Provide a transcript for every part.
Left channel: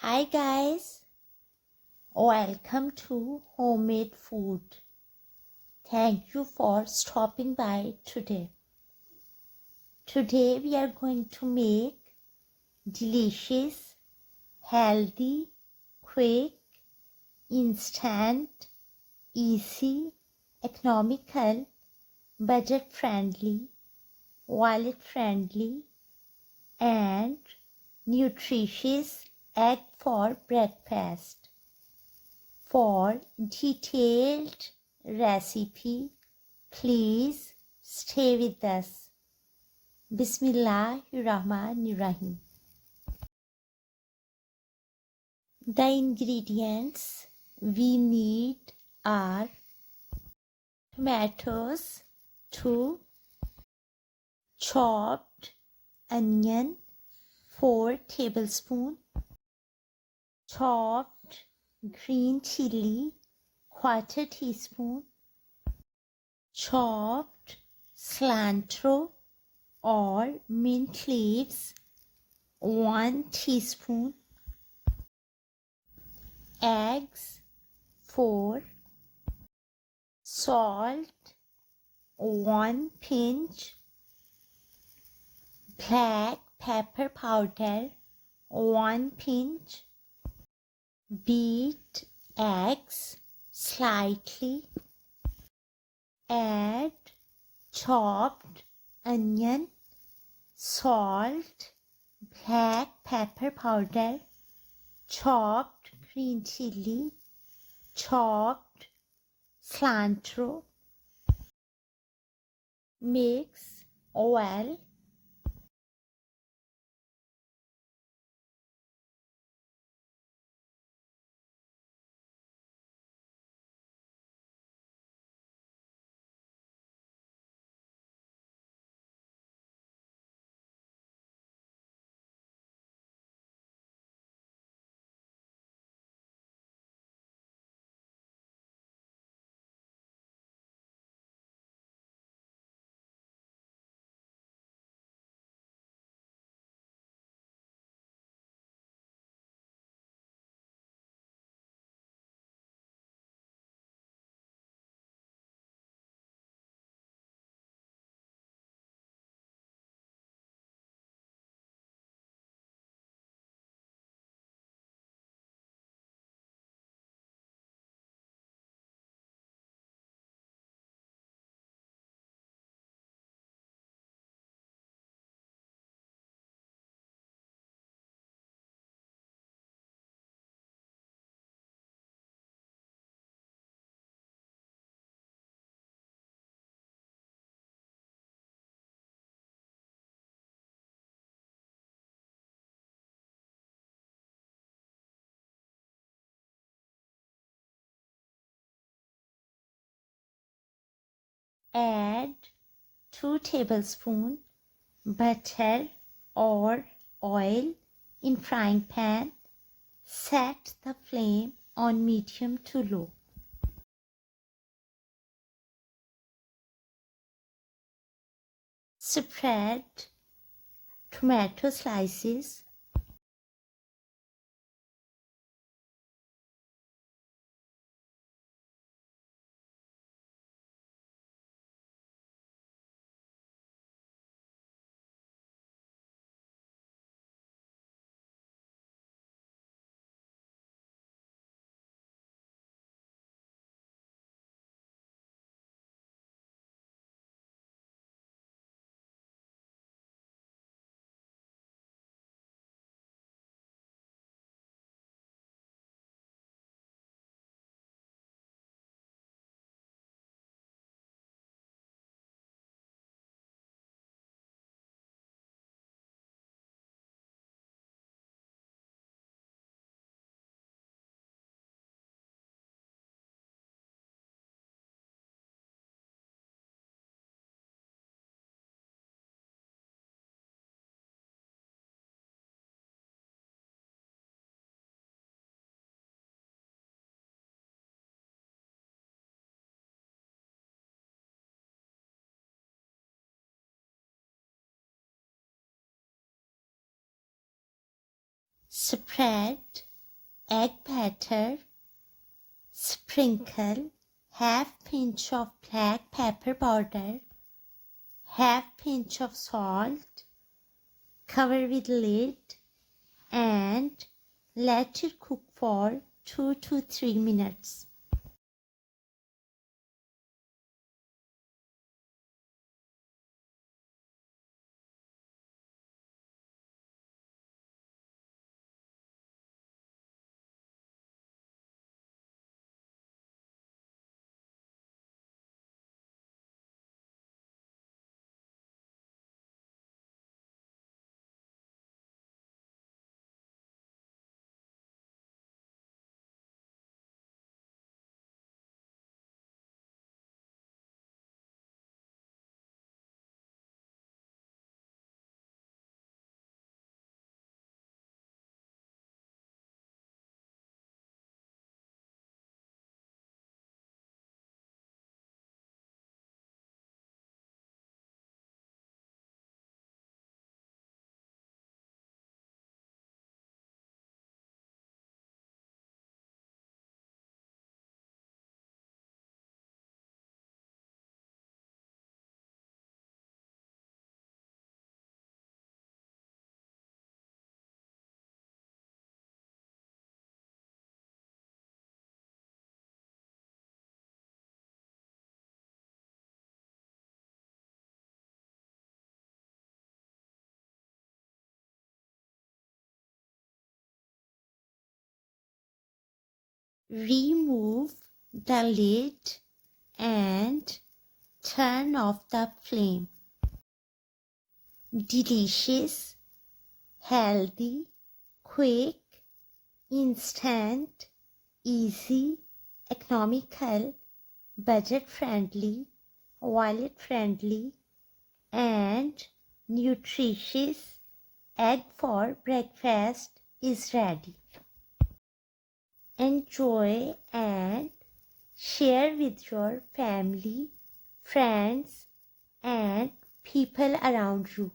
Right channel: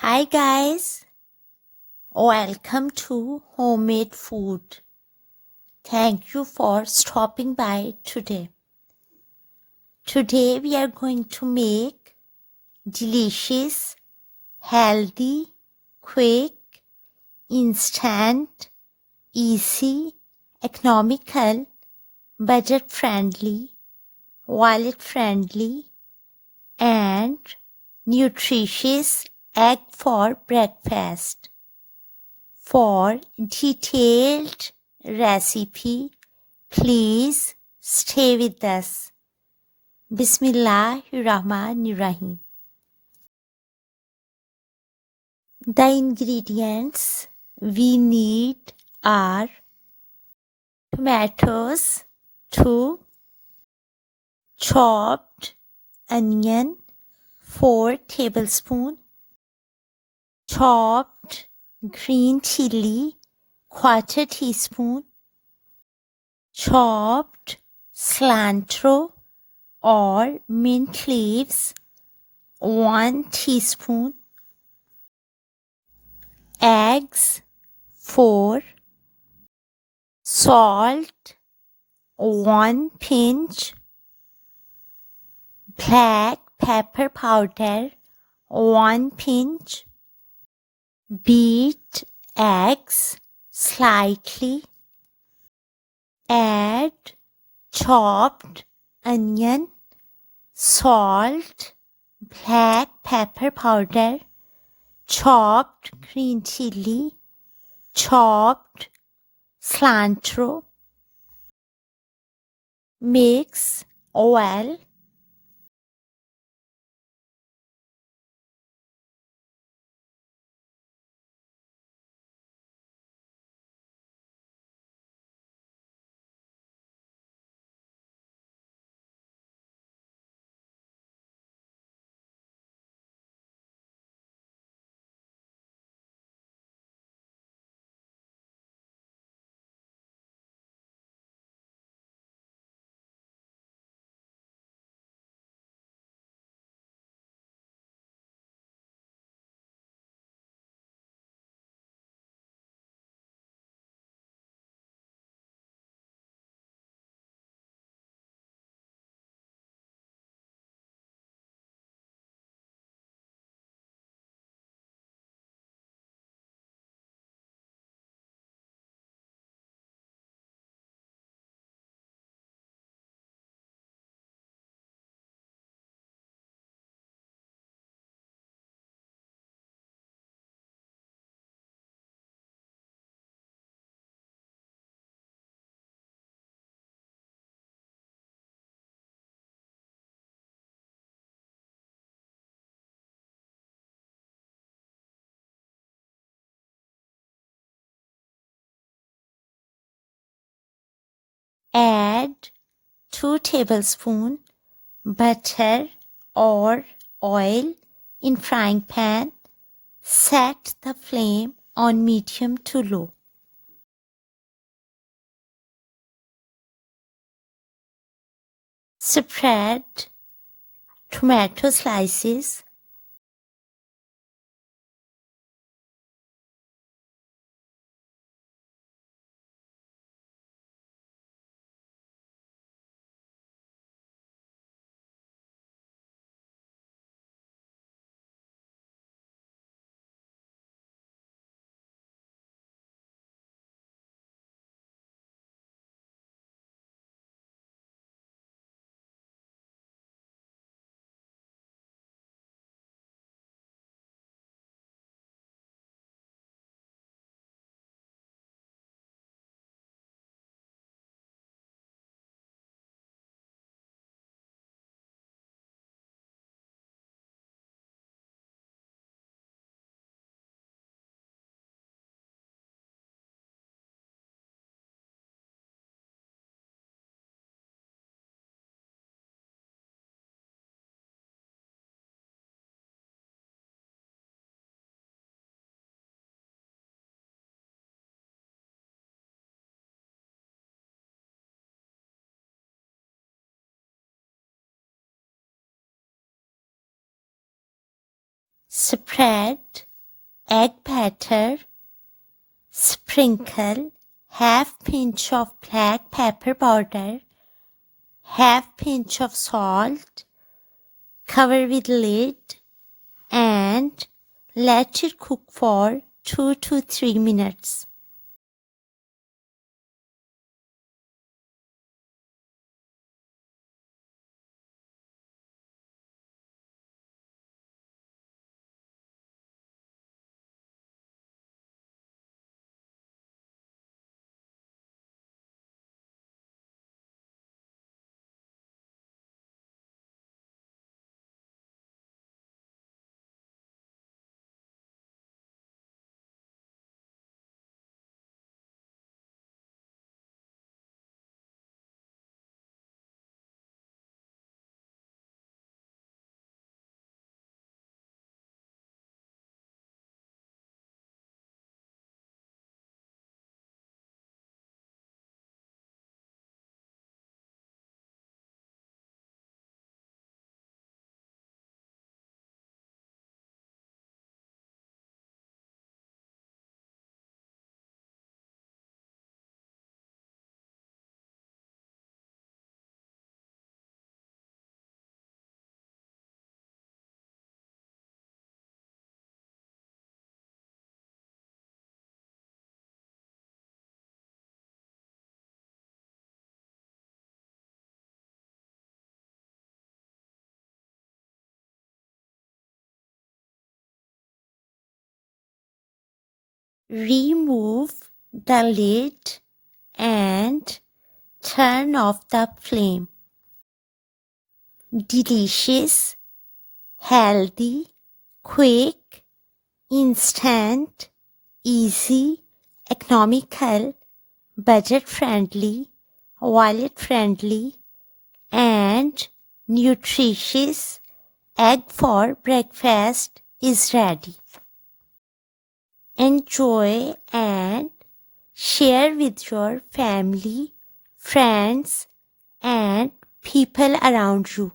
Hi guys, welcome to Homemade Food. Thank you for stopping by today. Today we are going to make delicious, healthy, quick, instant, easy, economical, budget-friendly, wallet-friendly, and nutritious egg for breakfast. For detailed recipe, please stay with us. Bismillahirrahmanirrahim. The ingredients we need are tomatoes, 2, chopped onion, 4 tablespoons, chopped green chili, 1/4 teaspoon, chopped cilantro or mint leaves, 1 teaspoon, eggs, 4, salt, 1 pinch, black pepper powder, 1 pinch, beat eggs slightly, add chopped onion, salt, black pepper powder, chopped green chili, chopped cilantro. Mix well. Add 2 tablespoons butter or oil in frying pan. Set the flame on medium to low. Spread tomato slices. Spread egg batter, sprinkle half pinch of black pepper powder, half pinch of salt, cover with lid and let it cook for 2 to 3 minutes. Remove the lid and turn off the flame. Delicious, healthy, quick, instant, easy, economical, budget-friendly, wallet-friendly, and nutritious egg for breakfast is ready. Enjoy and share with your family, friends, and people around you.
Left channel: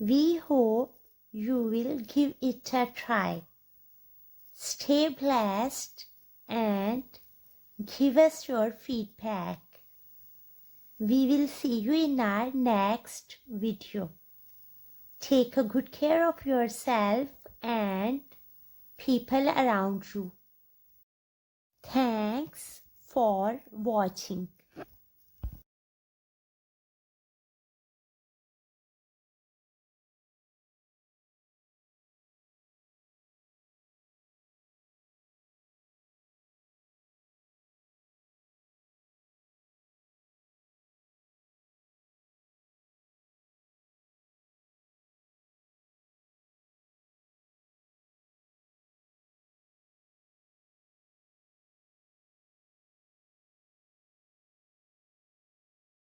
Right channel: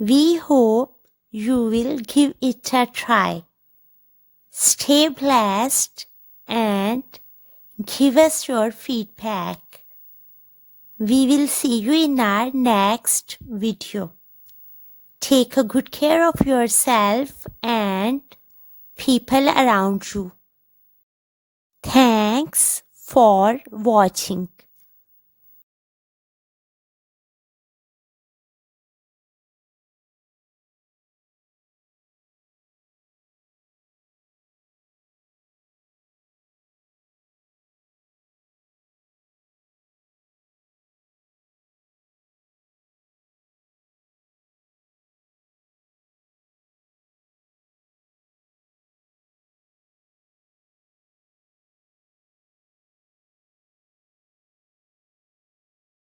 We hope you will give it a try. Stay blessed and give us your feedback. We will see you in our next video. Take a good care of yourself and people around you. Thanks for watching.